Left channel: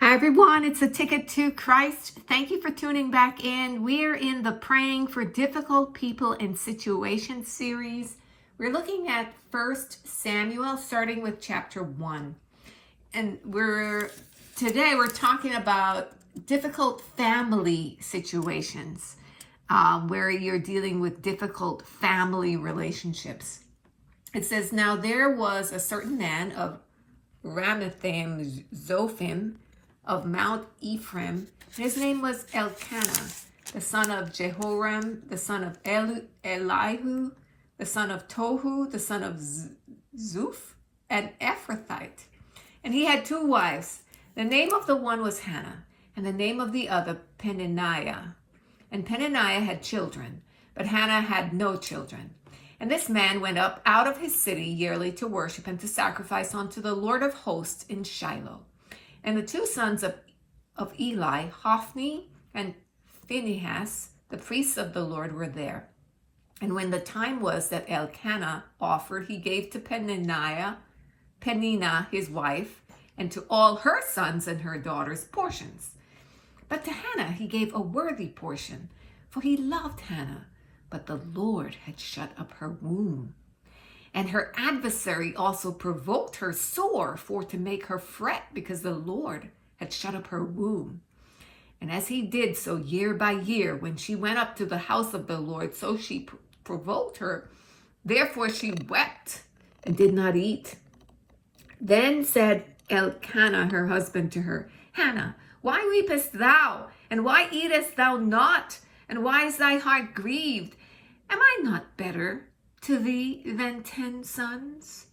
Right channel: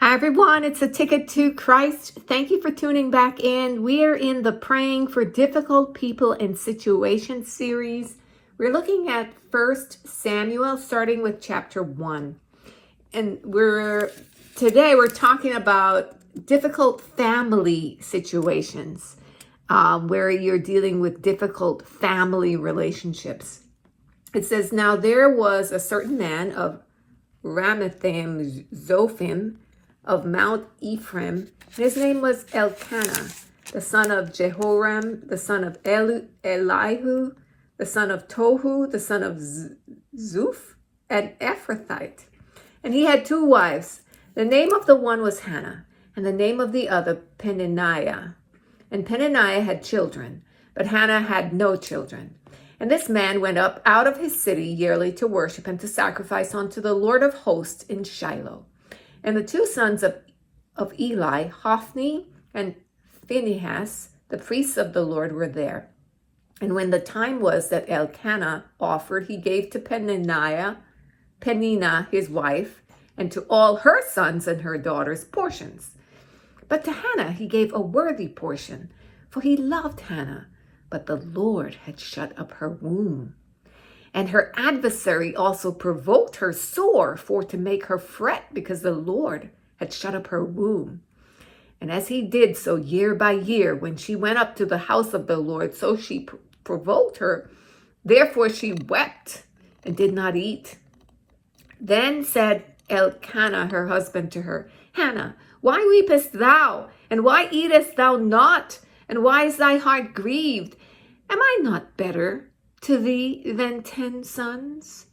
Hi everyone, it's A Ticket to Christ. Thank you for tuning back in. We are in the Praying for Difficult People and Situations series. We're looking at 1 Samuel, starting with chapter 1. And today we're talking about difficult family situations, where you're dealing with difficult family relationships. It says, now there was a certain man of Ramathaim Zophim, of Mount Ephraim. His name was Elkanah, the son of Jehoram, the son of Elihu, the son of Tohu, the son of Zuph, an Ephrathite. And he had two wives. The name of the one was Hannah, and the name of the other Peninnah. And Peninnah had children, but Hannah had no children. And this man went up out of his city yearly to worship and to sacrifice unto the Lord of hosts in Shiloh. And the two sons of Eli, Hophni and Phinehas, the priests of the Lord, were there. And when the time was that Elkanah offered, he gave to Peninnah his wife, and to all her sons and her daughters portions. But to Hannah he gave a worthy portion, for he loved Hannah, but the Lord had shut up her womb. And her adversary also provoked her sore for to make her fret, because the Lord had shut up her womb. And as he did so year by year, when she went up to the house of the Lord, so she provoked her. Therefore she wept and did not eat. Then said Elkanah, her husband, to her, Hannah, why weepest thou? And why eatest thou not? And why is thy heart grieved? Am I not better to thee than 10 sons?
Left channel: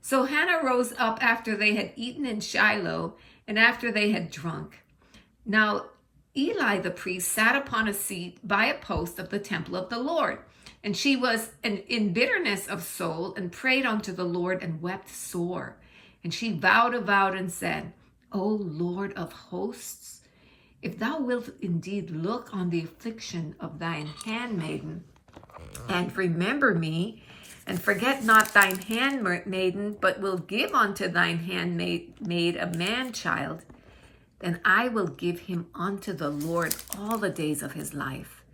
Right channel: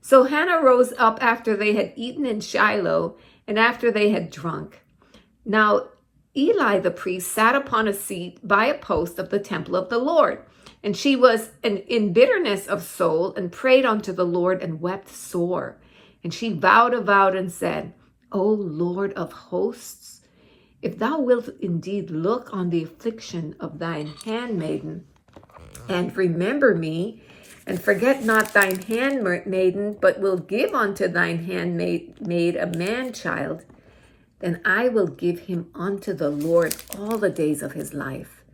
So Hannah rose up after they had eaten in Shiloh, and after they had drunk. Now Eli the priest sat upon a seat by a post of the temple of the Lord, and she was in bitterness of soul, and prayed unto the Lord, and wept sore. And she vowed a vow and said, O Lord of hosts, if thou wilt indeed look on the affliction of thine handmaiden, and remember me, and forget not thine handmaiden, but will give unto thine handmaid a man-child, then I will give him unto the Lord all the days of his life,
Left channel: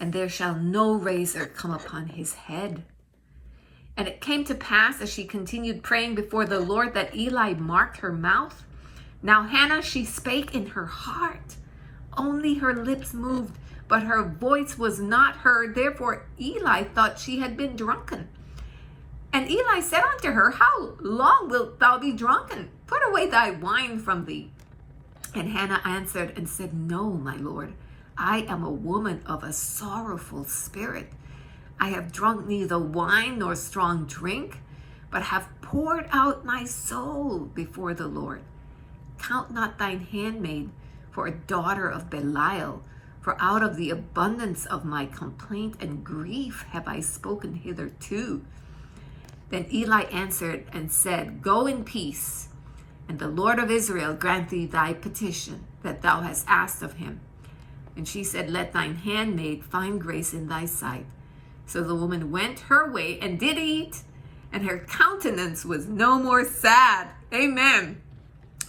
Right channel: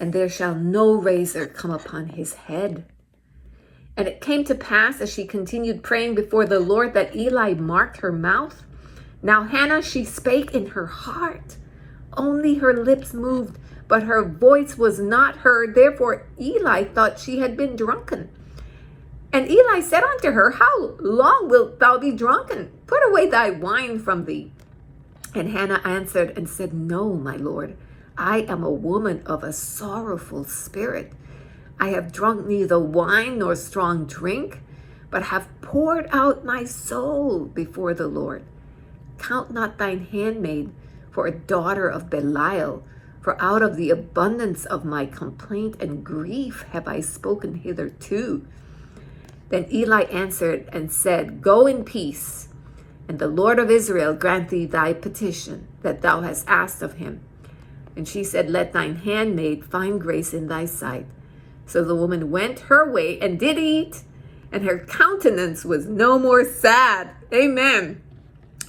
and there shall no razor come upon his head. And it came to pass, as she continued praying before the Lord, that Eli marked her mouth. Now Hannah, she spake in her heart, only her lips moved, but her voice was not heard. Therefore Eli thought she had been drunken. And Eli said unto her, how long wilt thou be drunken? Put away thy wine from thee. And Hannah answered and said, No, my Lord, I am a woman of a sorrowful spirit. I have drunk neither wine nor strong drink, but have poured out my soul before the Lord. Count not thine handmaid for a daughter of Belial, for out of the abundance of my complaint and grief have I spoken hitherto. Then Eli answered and said, Go in peace, and the Lord of Israel grant thee thy petition that thou hast asked of him. And she said, Let thine handmaid find grace in thy sight. So the woman went her way and did eat, and her countenance was no more sad. Amen.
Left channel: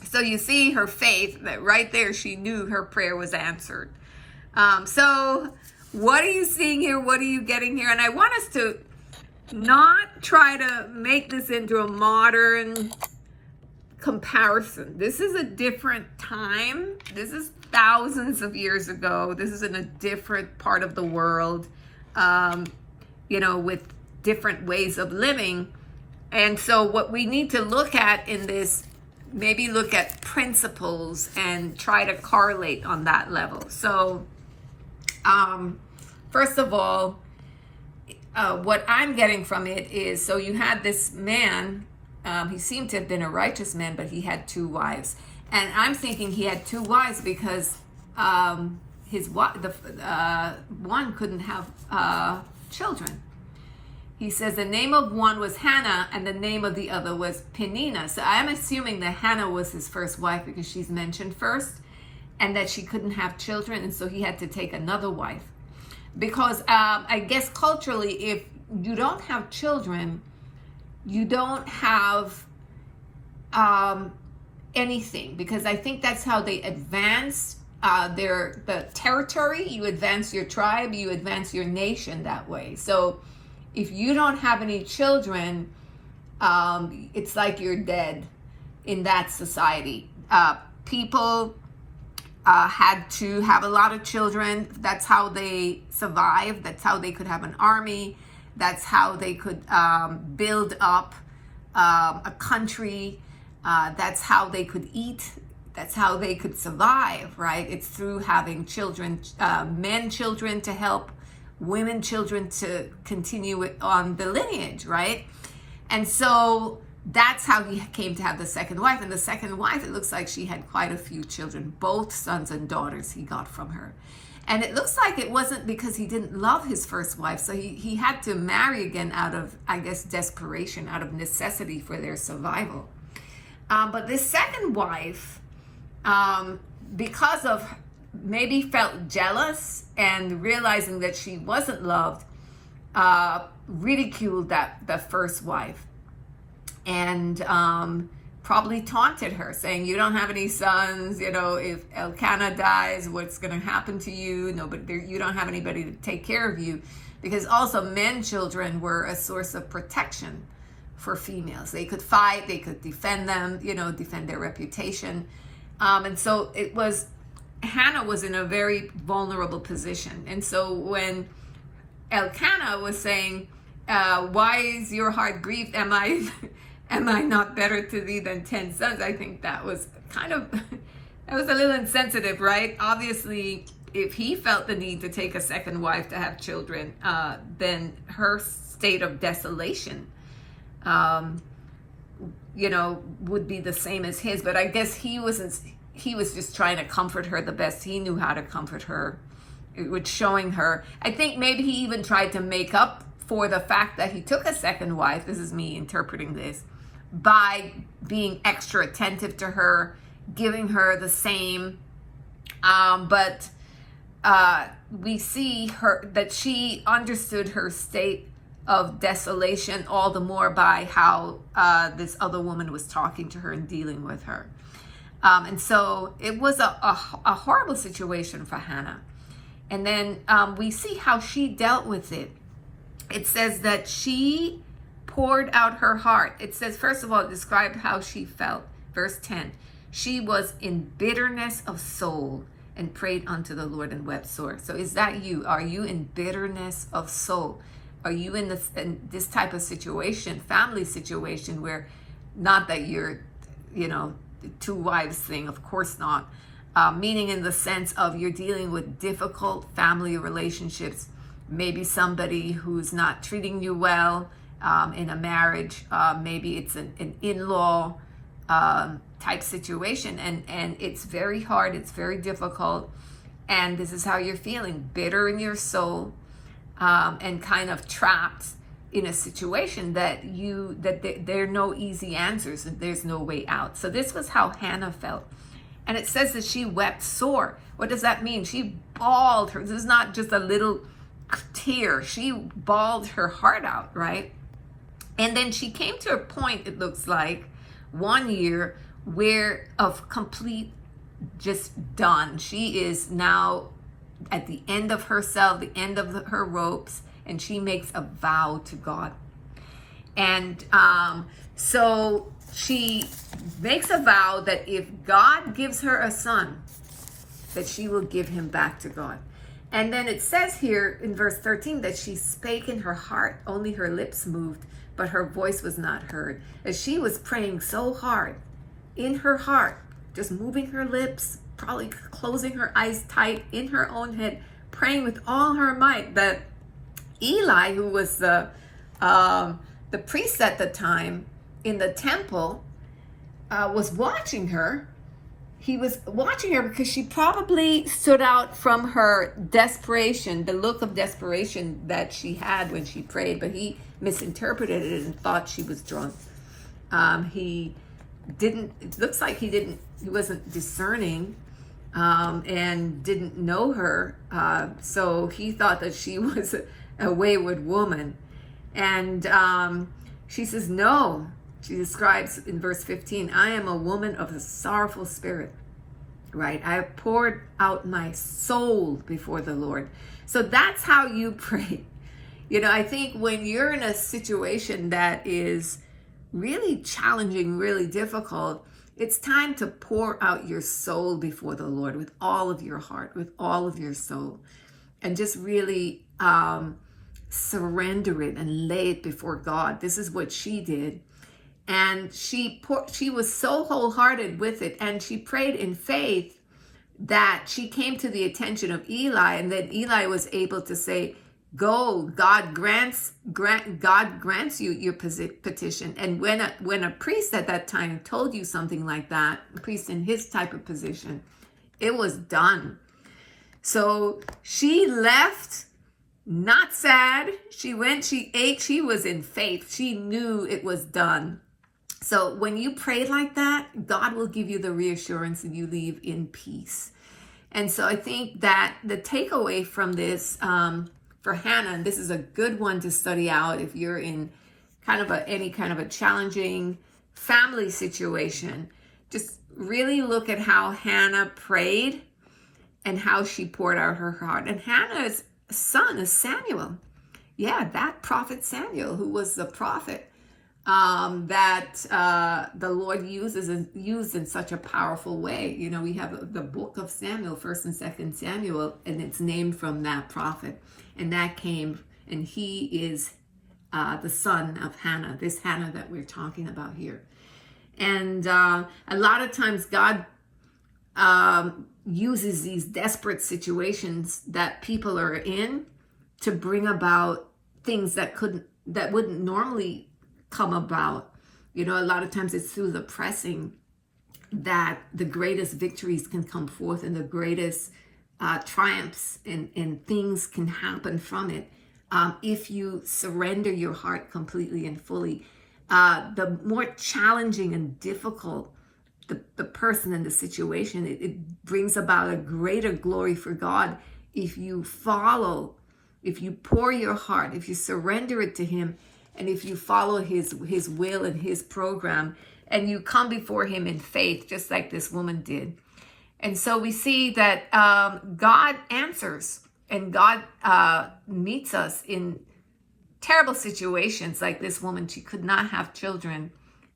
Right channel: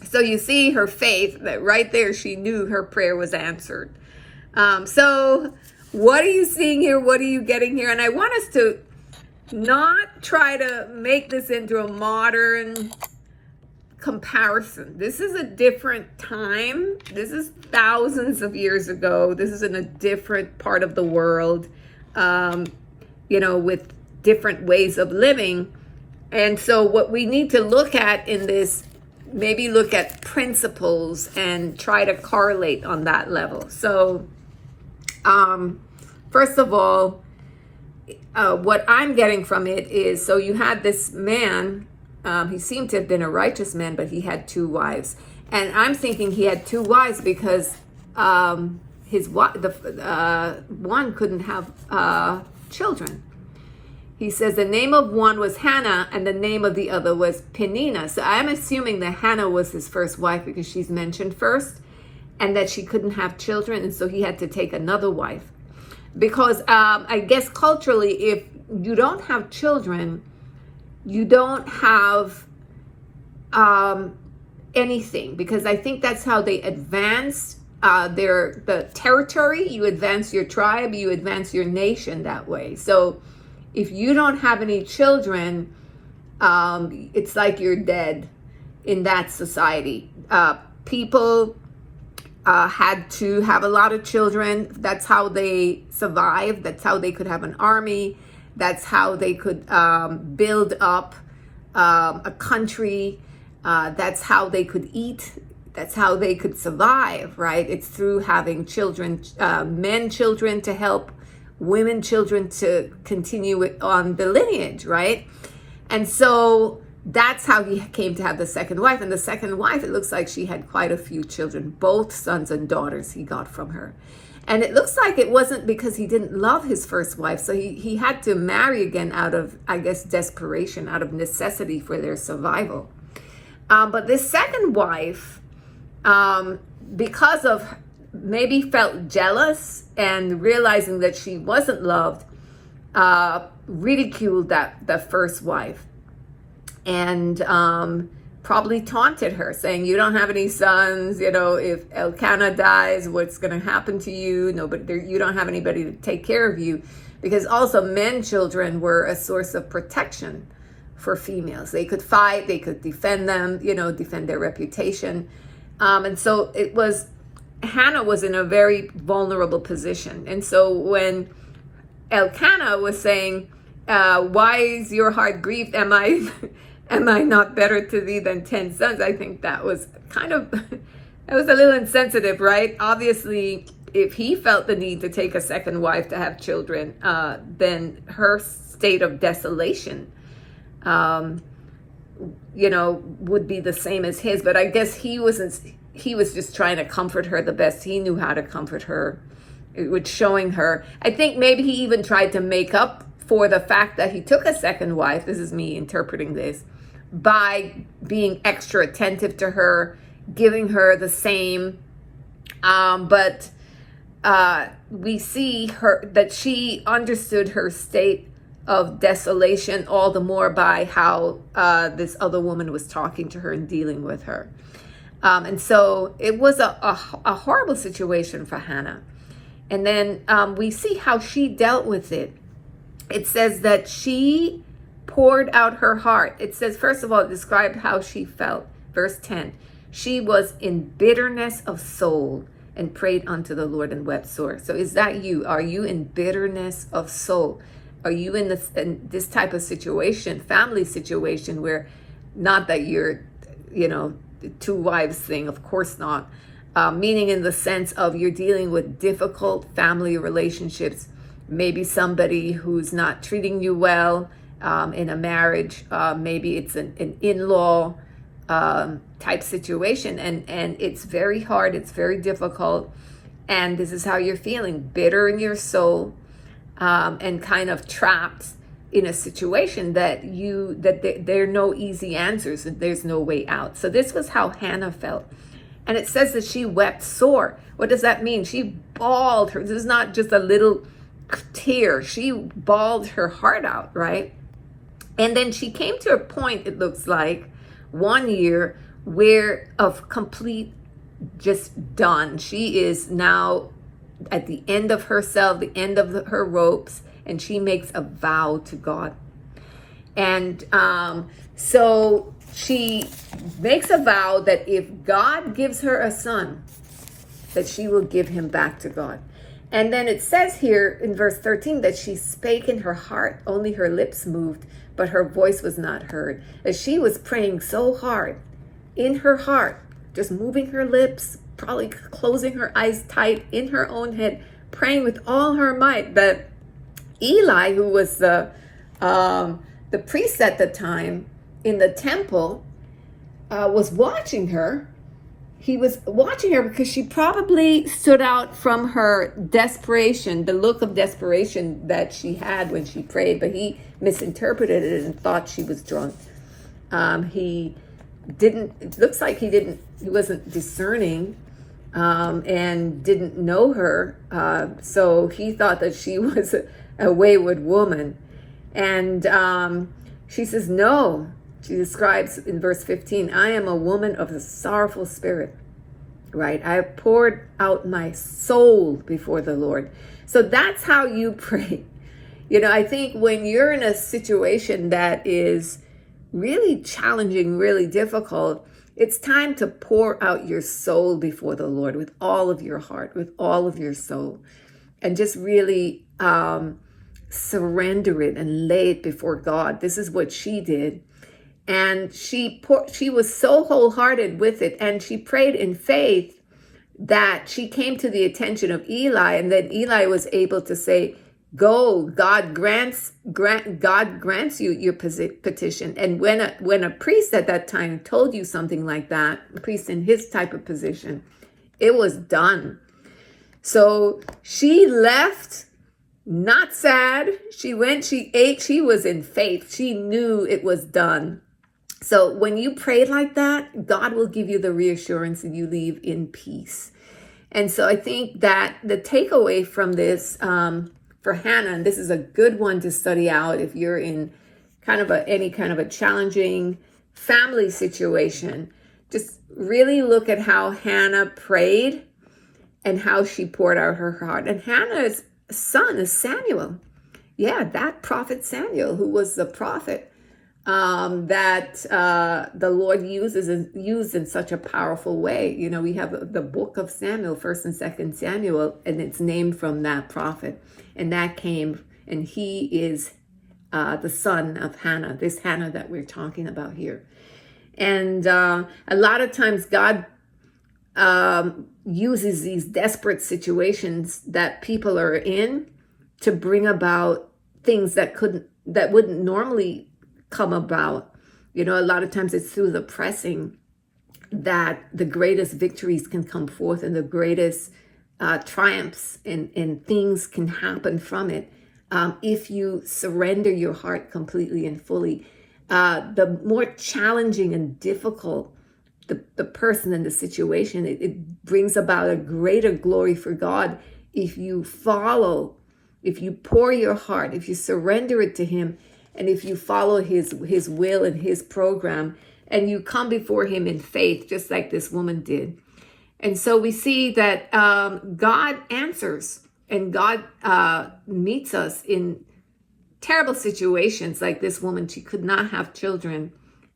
So you see her faith, that right there she knew her prayer was answered. So what are you seeing here? What are you getting here? And I want us to not try to make this into a modern comparison. This is a different time. This is thousands of years ago. This is in a different part of the world, with different ways of living. And so what we need to look at in this, maybe look at principles and try to correlate on that level. So first of all, what I'm getting from it is, so you had this man, he seemed to have been a righteous man, but he had two wives. And I'm thinking he had two wives because one couldn't have children. He says the name of one was Hannah and the name of the other was Peninnah. So I'm assuming that Hannah was his first wife because she's mentioned first, and that she couldn't have children, and so he had to take another wife. Because I guess culturally, if you don't have children, you don't have anything, because I think that's how they advance the territory. You advance your tribe, you advance your nation that way. So if you don't have any children, it's like you're dead in that society. People had to have a lot of children. That's how they survived. That's how they could have an army. That's how they could build up a country. That's how they could eat. That's how they could survive, right? It's through having children, men children to help women children to continue it on the lineage, right? And so that's how he came to have the second wife. And the second wife, it looks like she had quite a few children, both sons and daughters he got from her. And it looks like it wasn't because he didn't love his first wife. So he had to marry again out of, I guess, desperation, out of necessity for their survival. But this second wife, because of maybe felt jealous and realizing that she wasn't loved, ridiculed the first wife, and probably taunted her, saying, you don't have any sons, if Elkanah dies, what's going to happen to you? You don't have anybody to take care of you. Because also men children were a source of protection for females. They could fight, they could defend them, defend their reputation. And so Hannah was in a very vulnerable position. And so when Elkanah was saying, why is your heart grieved? Am I not better to thee than 10 sons? I think that was that was a little insensitive, right? Obviously, if he felt the need to take a second wife to have children, then her state of desolation, would be the same as his. But I guess he was just trying to comfort her the best he knew how to comfort her, with showing her. I think maybe he even tried to make up for the fact that he took a second wife. This is me interpreting this, by being extra attentive to her, giving her the same. But we see that she understood her state of desolation all the more by how this other woman was talking to her and dealing with her. And so it was a horrible situation for Hannah. And then we see how she dealt with it. It says that she poured out her heart. It says, first of all, it described how she felt. Verse 10, she was in bitterness of soul and prayed unto the Lord and wept sore. So is that you? Are you in bitterness of soul? Are you in this type of situation, family situation, where, not that you're, two wives thing, of course not, meaning in the sense of you're dealing with difficult family relationships, maybe somebody who's not treating you well in a marriage, maybe it's an in-law type situation, and it's very hard, it's very difficult, and this is how you're feeling, bitter in your soul, and kind of trapped in a situation that there are no easy answers and there's no way out. So this was how Hannah felt. And it says that she wept sore. What does that mean? She bawled her. This is not just a little tear. She bawled her heart out, right? And then she came to a point, it looks like, one year where of complete just done. She is now at the end of herself, the end of her ropes, and she makes a vow to God. And so she makes a vow that if God gives her a son, that she will give him back to God. And then it says here in verse 13 that she spake in her heart, only her lips moved, but her voice was not heard. As she was praying so hard in her heart, just moving her lips, probably closing her eyes tight in her own head, praying with all her might, that Eli, who was the priest at the time in the temple, was watching her. He was watching her because she probably stood out from her desperation, the look of desperation that she had when she prayed, but he misinterpreted it and thought she was drunk. It looks like he wasn't discerning, and didn't know her. So he thought that she was a wayward woman. And she says, no, She describes in verse 15, I am a woman of a sorrowful spirit, right? I have poured out my soul before the Lord. So that's how you pray. I think when you're in a situation that is really challenging, really difficult, it's time to pour out your soul before the Lord with all of your heart, with all of your soul, and just really surrender it and lay it before God. This is what she did. And she was so wholehearted with it, and she prayed in faith that she came to the attention of Eli, and then Eli was able to say, go, God grants you your petition. And when a priest at that time told you something like that, a priest in his type of position, it was done. So she left, not sad. She went, she ate, she was in faith. She knew it was done. So when you pray like that, God will give you the reassurance and you leave in peace. And so I think that the takeaway from this for Hannah, and this is a good one to study out if you're in any kind of a challenging family situation, just really look at how Hannah prayed and how she poured out her heart. And Hannah's son is Samuel. Yeah, that prophet Samuel, who was the prophet that the Lord used in such a powerful way. We have the book of Samuel, 1st and 2nd Samuel, and it's named from that prophet. And that came, and he is the son of Hannah, this Hannah that we're talking about here. And a lot of times God uses these desperate situations that people are in to bring about things that wouldn't normally come about. A lot of times it's through the pressing that the greatest victories can come forth and the greatest triumphs and things can happen from it. If you surrender your heart completely and fully, the more challenging and difficult the person and the situation, it brings about a greater glory for God. If you pour your heart, if you surrender it to Him, and if you follow his will and his program, and you come before Him in faith, just like this woman did. And so we see that God answers, and God meets us in terrible situations like this woman. She could not have children.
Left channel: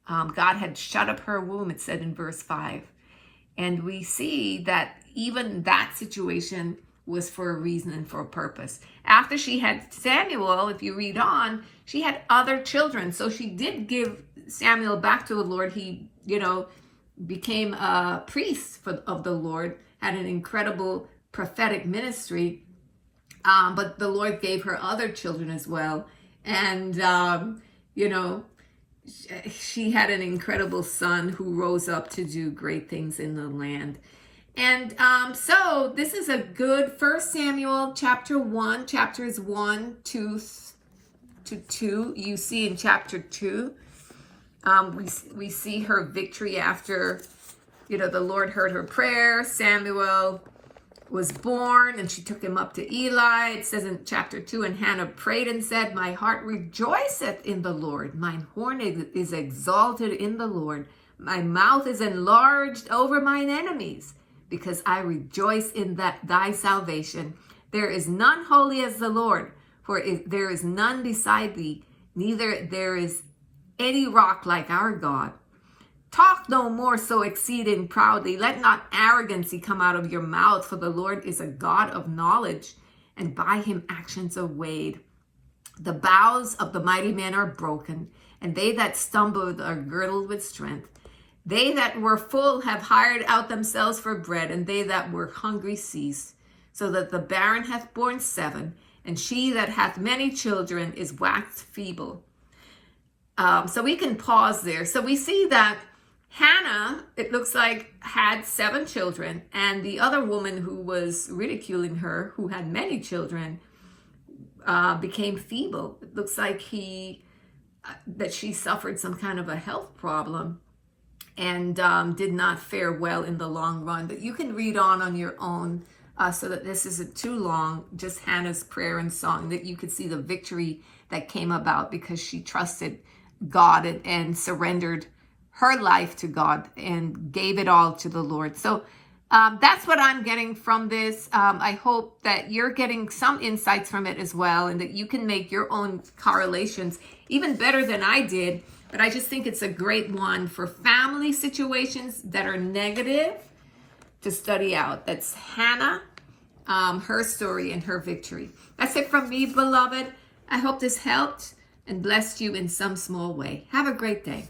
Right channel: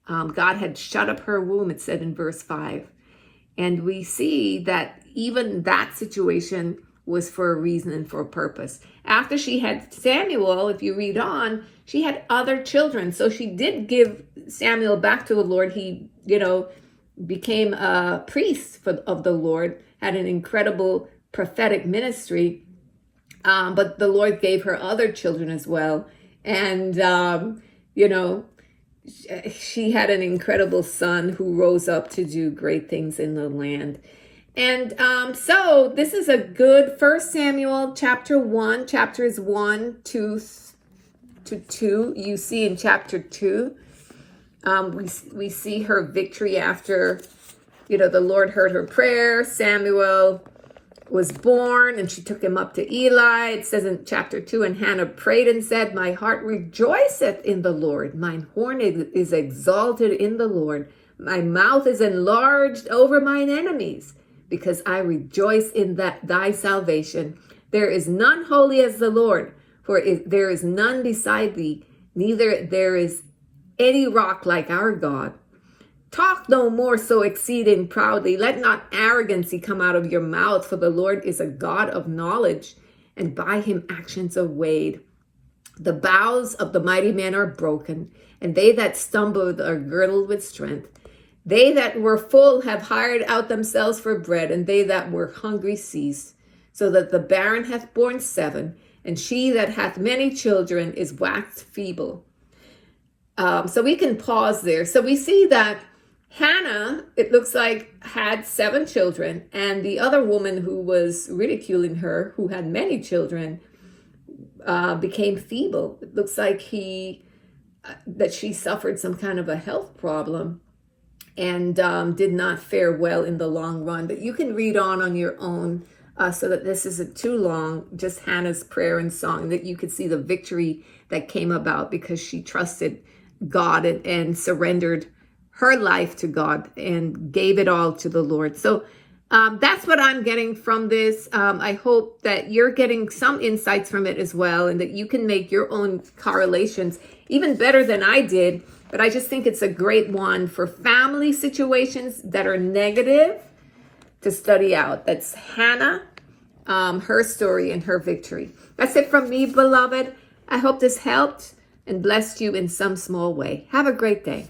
God had shut up her womb, it said in verse 5. And we see that even that situation was for a reason and for a purpose. After she had Samuel, if you read on, she had other children. So she did give Samuel back to the Lord. He, became a priest of the Lord, had an incredible prophetic ministry. But the Lord gave her other children as well. And, she had an incredible son who rose up to do great things in the land. And so this is a good 1 Samuel chapter 1, chapters 1 to 2. You see in chapter 2, we see her victory after, the Lord heard her prayer. Samuel was born and she took him up to Eli. It says in chapter 2, and Hannah prayed and said, my heart rejoiceth in the Lord. Mine horn is exalted in the Lord. My mouth is enlarged over mine enemies, because I rejoice in thy salvation. There is none holy as the Lord, for there is none beside thee, neither there is any rock like our God. Talk no more so exceeding proudly. Let not arrogancy come out of your mouth, for the Lord is a God of knowledge, and by Him actions are weighed. The bows of the mighty man are broken, and they that stumbled are girdled with strength. They that were full have hired out themselves for bread, and they that were hungry ceased. So that the barren hath borne 7, and she that hath many children is waxed feeble. So we can pause there. So we see that Hannah, it looks like, had 7 children, and the other woman who was ridiculing her, who had many children, became feeble. It looks like that she suffered some kind of a health problem and did not fare well in the long run. But you can read on your own, so that this isn't too long, just Hannah's prayer and song, that you could see the victory that came about because she trusted God and surrendered her life to God and gave it all to the Lord. So that's what I'm getting from this. I hope that you're getting some insights from it as well, and that you can make your own correlations even better than I did. But I just think it's a great one for family situations that are negative to study out. That's Hannah, her story and her victory. That's it from me, beloved. I hope this helped and blessed you in some small way. Have a great day.